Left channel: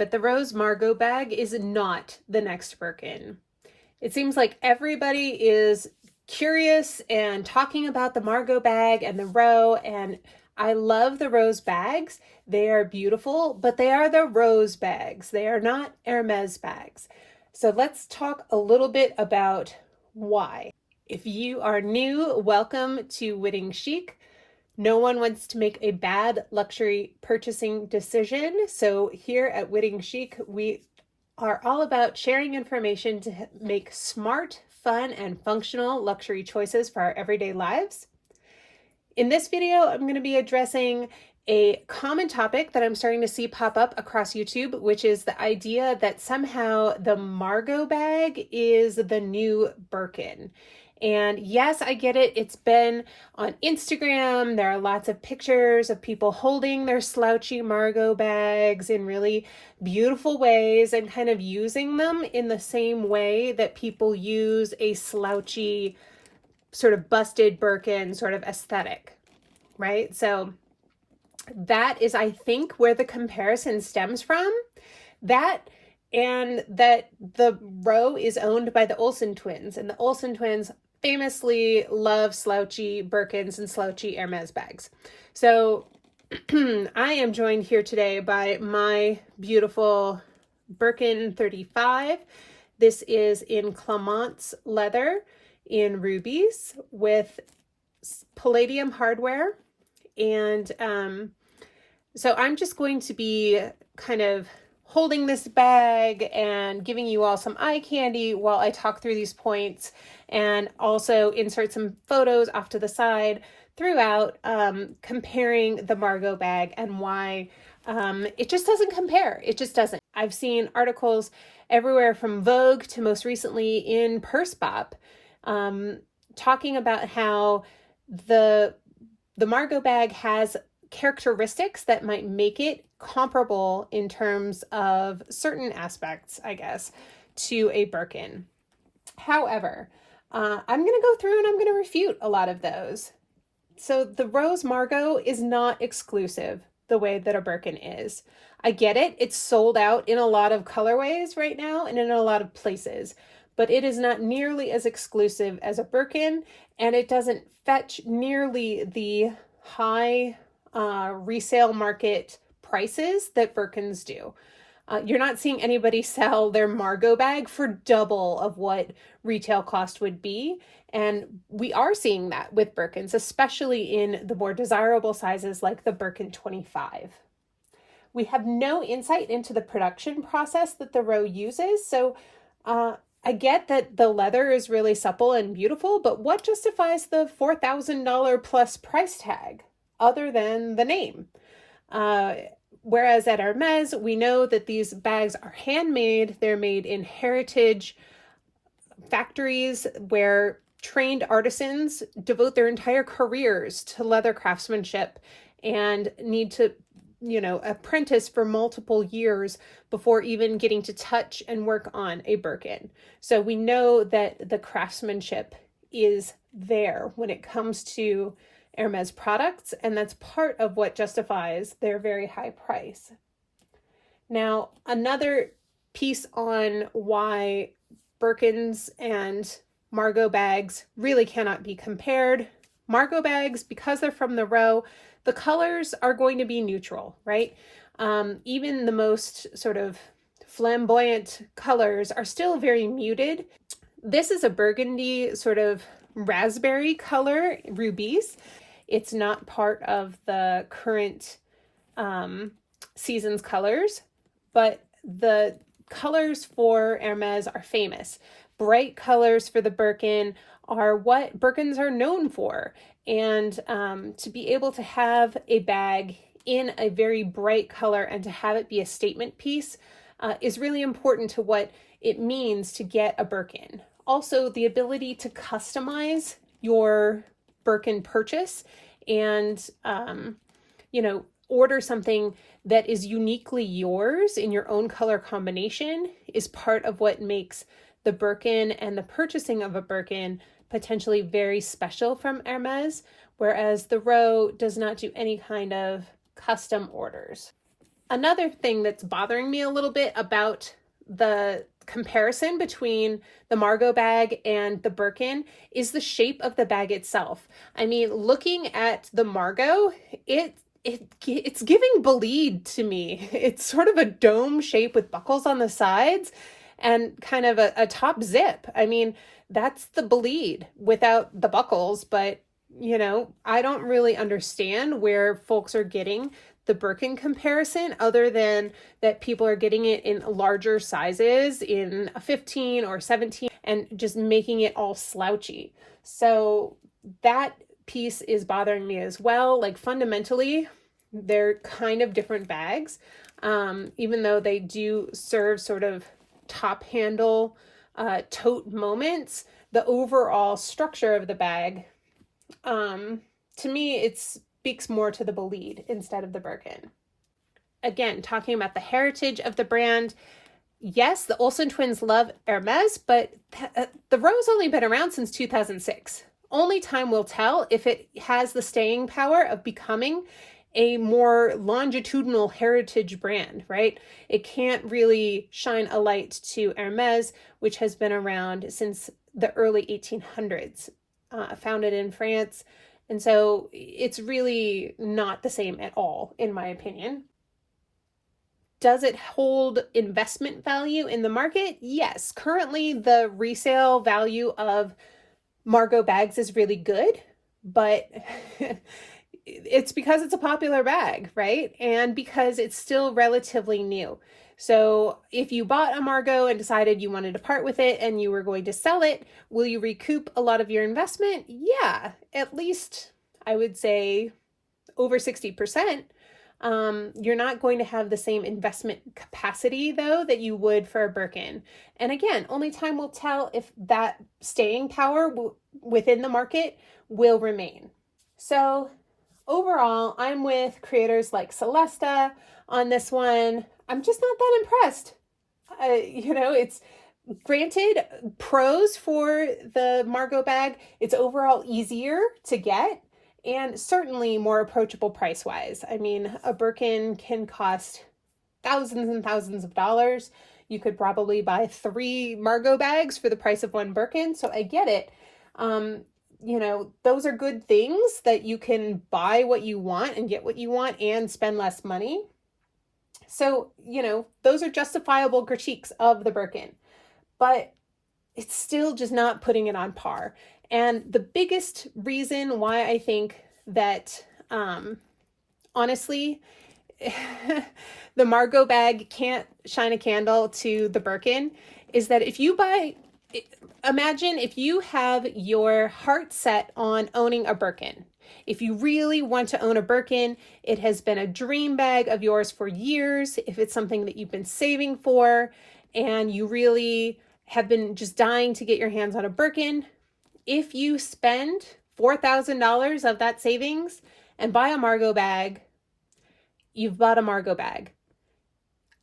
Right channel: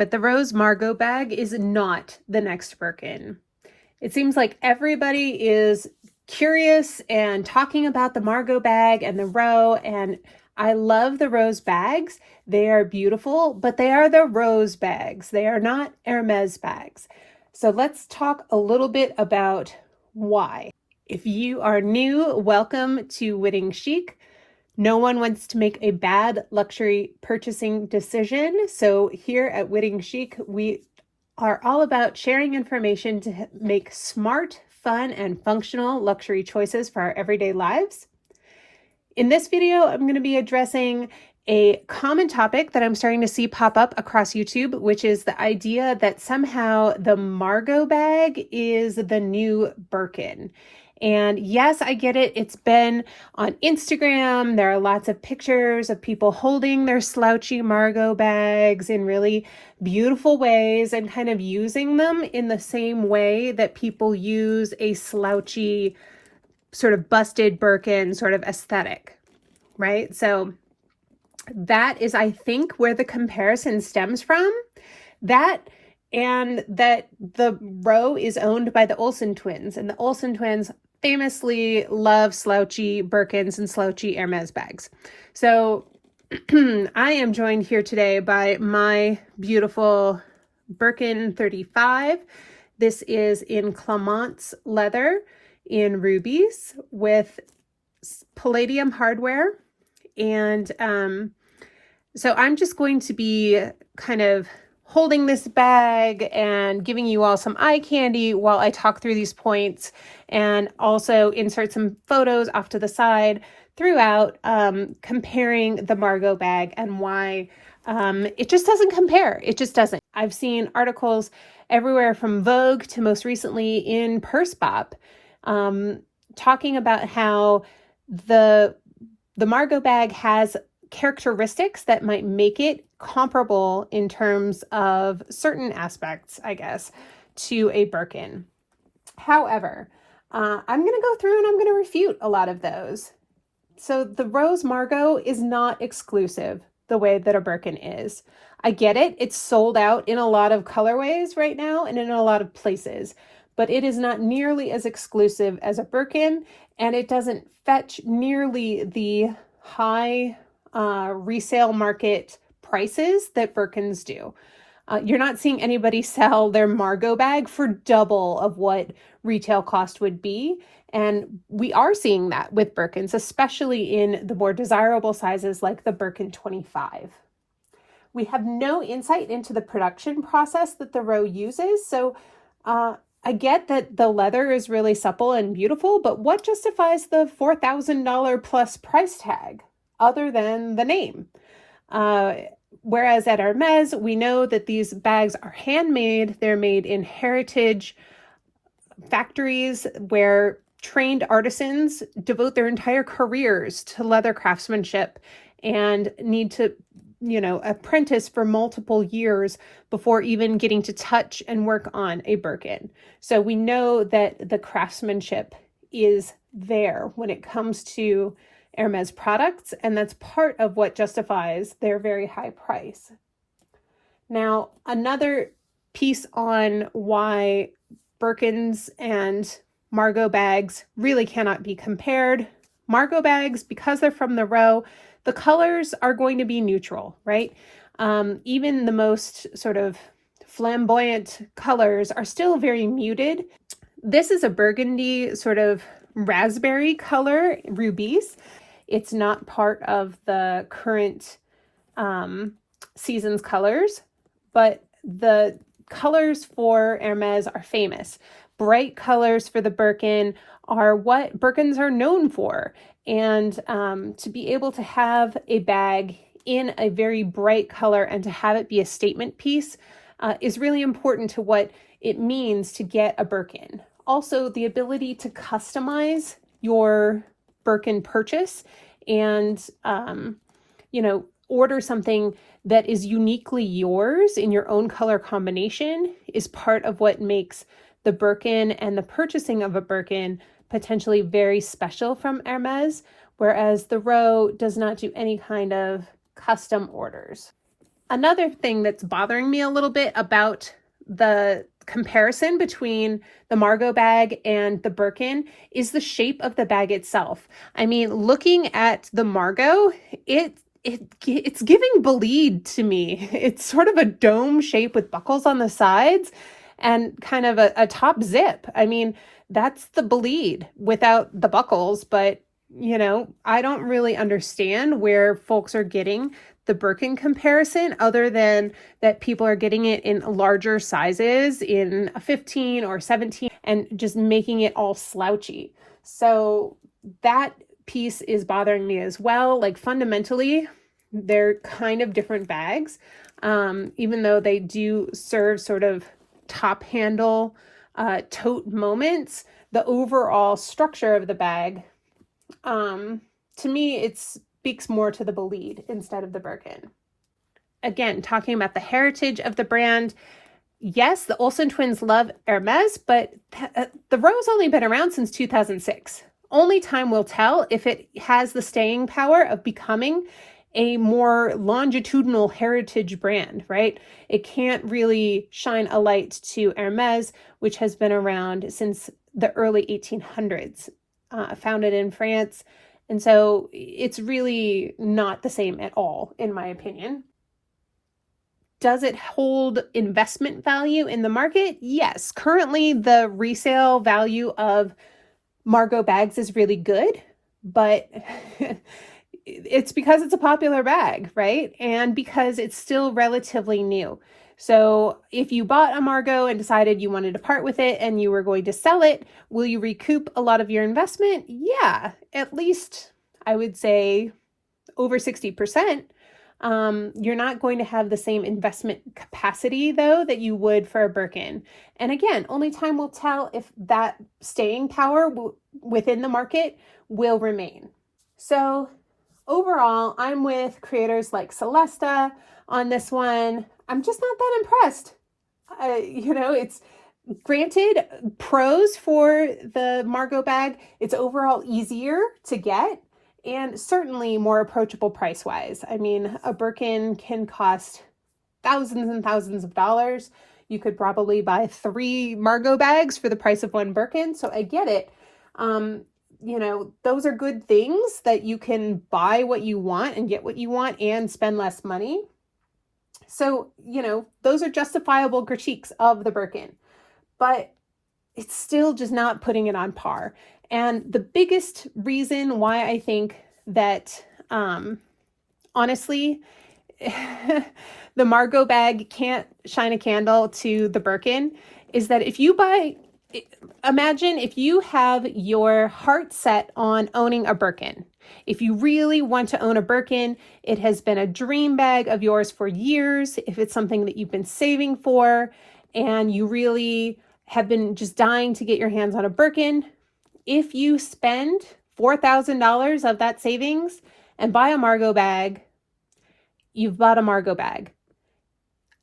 but the Rose Margaux bag is not the next Birkin. It seems like everybody is curious and talking about the Margaux bag and the Row, and I love the Rose bags. They are beautiful, but they are the Rose bags. They are not Hermes bags. So let's talk a little bit about why. If you are new, welcome to Whitting Chic. No one wants to make a bad luxury purchasing decision. So here at Whitting Chic, we are all about sharing information to make smart, fun, and functional luxury choices for our everyday lives. In this video, I'm going to be addressing a common topic that I'm starting to see pop up across YouTube, which is the idea that somehow the Margaux bag is the new Birkin. And yes, I get it. It's been on Instagram. There are lots of pictures of people holding their Slouchy Margaux bags in really beautiful ways and kind of using them in the same way that people use a slouchy, sort of busted Birkin sort of aesthetic, right? So that is, I think, where the comparison stems from. That and that the Row is owned by the Olsen twins, and the Olsen twins famously love slouchy Birkins and slouchy Hermes bags. So I am joined here today by my beautiful Birkin 35. This is in Clemence leather in rubies with palladium hardware. And so I'm just going to be kind of holding this bag and giving you all some eye candy while I talk through these points, and also insert some photos off to the side throughout, comparing the Margaux bag and why it just doesn't compare. It just doesn't. I've seen articles everywhere from Vogue to most recently in Purse Pop, talking about how the Margaux bag has characteristics that might make it comparable in terms of certain aspects, I guess, to a Birkin. However, I'm going to go through and I'm going to refute a lot of those. So the Rose Margaux is not exclusive the way that a Birkin is. I get it. It's sold out in a lot of colorways right now and in a lot of places, but it is not nearly as exclusive as a Birkin, and it doesn't fetch nearly the high resale market prices that Birkins do. You're not seeing anybody sell their Margaux bag for double of what retail cost would be. And we are seeing that with Birkins, especially in the more desirable sizes like the Birkin 25. We have no insight into the production process that the Row uses. So I get that the leather is really supple and beautiful, but what justifies the $4,000 plus price tag other than the name? Whereas at Hermes, we know that these bags are handmade. They're made in heritage factories where trained artisans devote their entire careers to leather craftsmanship and need to, apprentice for multiple years before even getting to touch and work on a Birkin. So we know that the craftsmanship is there when it comes to Hermes products, and that's part of what justifies their very high price. Now, another piece on why Birkins and Margaux bags really cannot be compared. Margaux bags, because they're from the Row, the colors are going to be neutral, right? Even the most sort of flamboyant colors are still very muted. This is a burgundy sort of raspberry color, rubies. It's not part of the current season's colors, but the colors for Hermes are famous. Bright colors for the Birkin are what Birkins are known for. And to be able to have a bag in a very bright color and to have it be a statement piece is really important to what it means to get a Birkin. Also, the ability to customize your Birkin purchase and, order something that is uniquely yours in your own color combination is part of what makes the Birkin and the purchasing of a Birkin potentially very special from Hermes, whereas the Row does not do any kind of custom orders. Another thing that's bothering me a little bit about the comparison between the Margaux bag and the Birkin is the shape of the bag itself. I mean, looking at the Margaux, it's giving Bolide to me. It's sort of a dome shape with buckles on the sides and kind of a top zip. I mean, that's the Bolide without the buckles, but you know, I don't really understand where folks are getting the Birkin comparison other than that people are getting it in larger sizes in a 15 or 17 and just making it all slouchy. So that piece is bothering me as well. Like fundamentally, they're kind of different bags, even though they do serve sort of top handle tote moments. The overall structure of the bag, to me, it speaks more to the Bolide instead of the Birkin. Again, talking about the heritage of the brand, yes, the Olsen twins love Hermes, but the Ro's only been around since 2006. Only time will tell if it has the staying power of becoming a more longitudinal heritage brand, right? It can't really shine a light to Hermes, which has been around since the early 1800s, founded in France. And so it's really not the same at all, in my opinion. Does it hold investment value in the market? Yes. Currently, the resale value of Margaux bags is really good, but it's because it's a popular bag, right? And because it's still relatively new. So if you bought a Margaux and decided you wanted to part with it and you were going to sell it, will you recoup a lot of your investment? Yeah, at least I would say over 60%. You're not going to have the same investment capacity though that you would for a Birkin. And again, only time will tell if that staying power within the market will remain. So overall, I'm with creators like Celesta on this one. I'm just not that impressed. You know, it's granted pros for the Margaux bag. It's overall easier to get and certainly more approachable price-wise. I mean, a Birkin can cost thousands and thousands of dollars. You could probably buy 3 Margaux bags for the price of 1 Birkin. So I get it. You know, those are good things that you can buy what you want and get what you want and spend less money. So, you know, those are justifiable critiques of the Birkin, but it's still just not putting it on par. And the biggest reason why I think that, honestly, the Margaux bag can't shine a candle to the Birkin is that if you buy, imagine if you have your heart set on owning a Birkin. If you really want to own a Birkin, it has been a dream bag of yours for years. If it's something that you've been saving for and you really have been just dying to get your hands on a Birkin, if you spend $4,000 of that savings and buy a Margaux bag, you've bought a Margaux bag.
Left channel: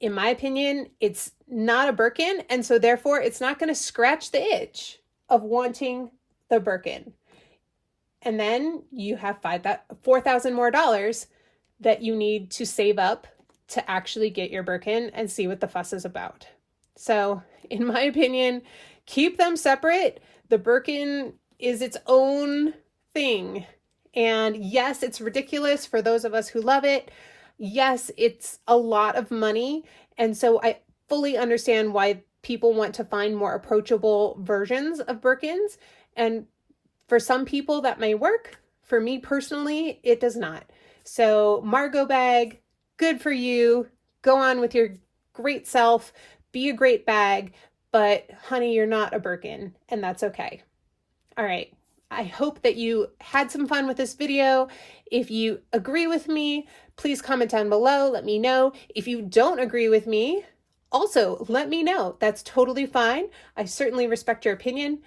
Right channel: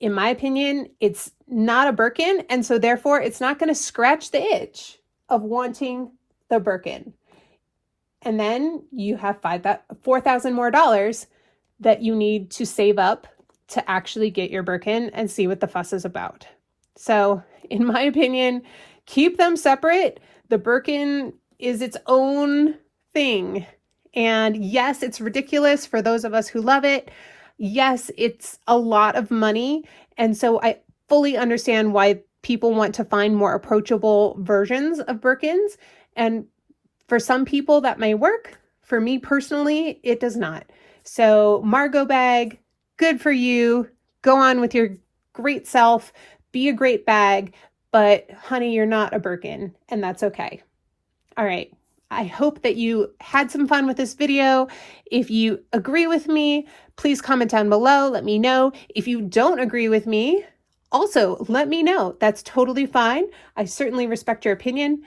In my opinion, it's not a Birkin, and so therefore it's not going to scratch the itch of wanting the Birkin. And then you have $4,000 more that you need to save up to actually get your Birkin and see what the fuss is about. So in my opinion, keep them separate. The Birkin is its own thing. And yes, it's ridiculous for those of us who love it. Yes, it's a lot of money. And so I fully understand why people want to find more approachable versions of Birkins. And for some people that may work. For me personally, it does not. So Margaux bag, good for you. Go on with your great self. Be a great bag. But honey, you're not a Birkin, and that's okay. All right. I hope that you had some fun with this video. If you agree with me, please comment down below. Let me know. If you don't agree with me, also let me know. That's totally fine. I certainly respect your opinion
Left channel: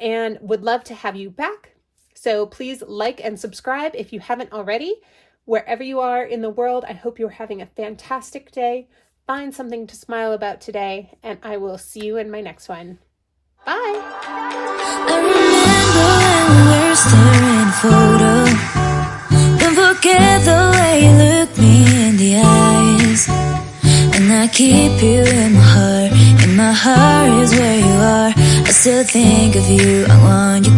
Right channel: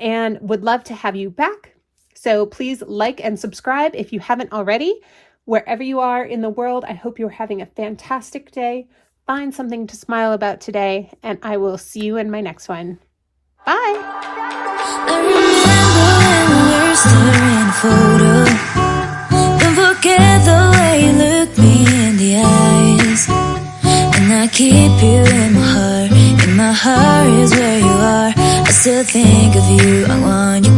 and would love to have you back. So please like and subscribe if you haven't already. Wherever you are in the world, I hope you're having a fantastic day. Find something to smile about today, and I will see you in my next one. Bye! I remember when we were staring at a photo. Don't forget the way you looked me in the eyes. I keep you in my heart. In my heart is where you are. I still think of you. I want you